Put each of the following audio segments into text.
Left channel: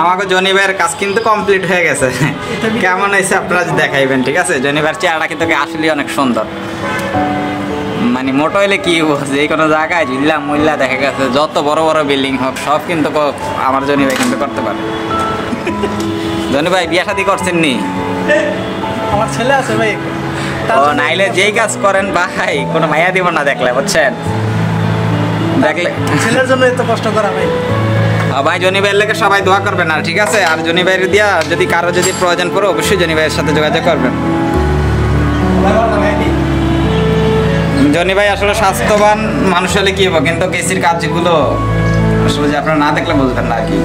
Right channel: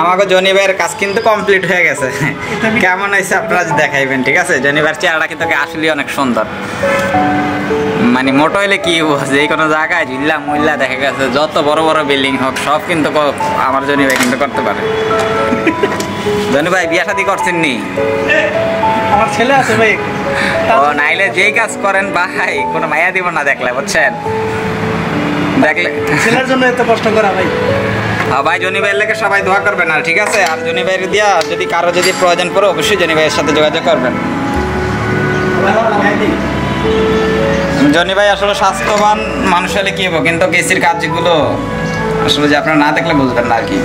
আমাকে জনি ভাইয়ের কাজ কিন্তু কমপ্লিট হয়ে গেছে। কেমন হয়েছে আপনারা দেখাইবেন, ঠিক আছে? জনি ভাইয়ের চেহারাটা কিন্তু আসলে অনেক সুন্দর, মানে মোটো হইলে কি যে কোনো জায়গায় ঝুল্লা মুল্লা দেখা গেছে যত বড় বড় বিল্ডিং হোক সব কিন্তু আমার জনি ভাই কিন্তু করতে পারে। জনি ভাই বিয়া শাদী করছেন নি? আমার ছেলে আছে ভাই। ও নাইলে যেই কাজ করেন ভাই কোনো মাইয়া দিব না দেখলে, বুঝছেন? দেখলে ছেলের জন্য এত কষ্ট করা ভাই। ভাই জনি ভাইয়ের লেগে সবাই দোয়া করবেন, আর ঠিক আছে? আর জনি ভাইয়ের দিয়া যদি কারো যদি প্রয়োজন পড়ে অবশ্যই জনি ভাইয়ের সাথে যোগাযোগ করবেন। জনি ভাই আসলে স্বাস্থ্যবান মানুষ হলে কি হবো, কিন্তু এসির কাজগুলো আসলে যে আপনারা না দেখলে বুঝবেন না আর কি।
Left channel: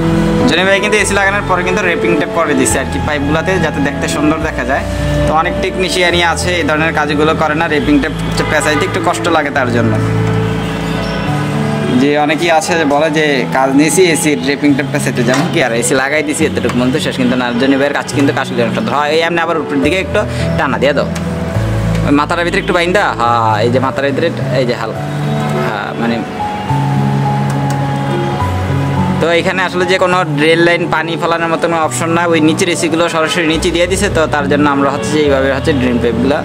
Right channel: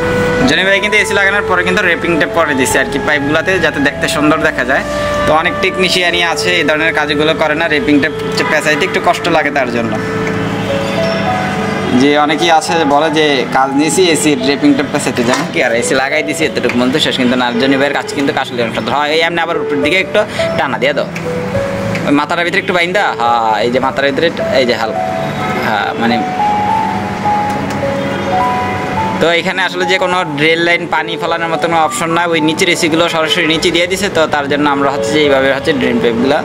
জনি ভাই কিন্তু এসি লাগানোর পরে কিন্তু রেপিং টেপ করে দিচ্ছে আর কি পাইপগুলোতে, যাতে দেখতে সুন্দর দেখা যায়। তো অনেক টেকনিশিয়ানই আছে এই ধরনের কাজগুলো করে না, রেপিং টেপ পেঁচাইতে একটু কষ্ট লাগে তার জন্য। যে অনেকেই আছে বলে যে কাজ নিয়েছি এসির রেপিং টেপ পেঁচাইতে, যেমন কি আর এসি লাগাই দিয়েছি এতটুকু মধ্যে শেষ, কিন্তু না। জনি ভাইয়ের কাজ কিন্তু আসলে হয় এই এমনি আবার উপরের দিকে একটু টানা দিয়ে দাও, ওই মাথার ভিতরে একটু বাইন্দা, হ্যাঁ এই যে মাথার ভিতরে এই যে হালকা, হ্যাঁ মানে। তো এখানে আসলে যে কোনো রেল লাইন পানি ফেলানোর মতো কোনো অপশন না, ওই নিচের এসিগুলো সরাসরি নিচে দিয়ে দিছে, তো তার জন্য আমরা হচ্ছে যে এইভাবে হচ্ছে ড্রেন পাইপগুলো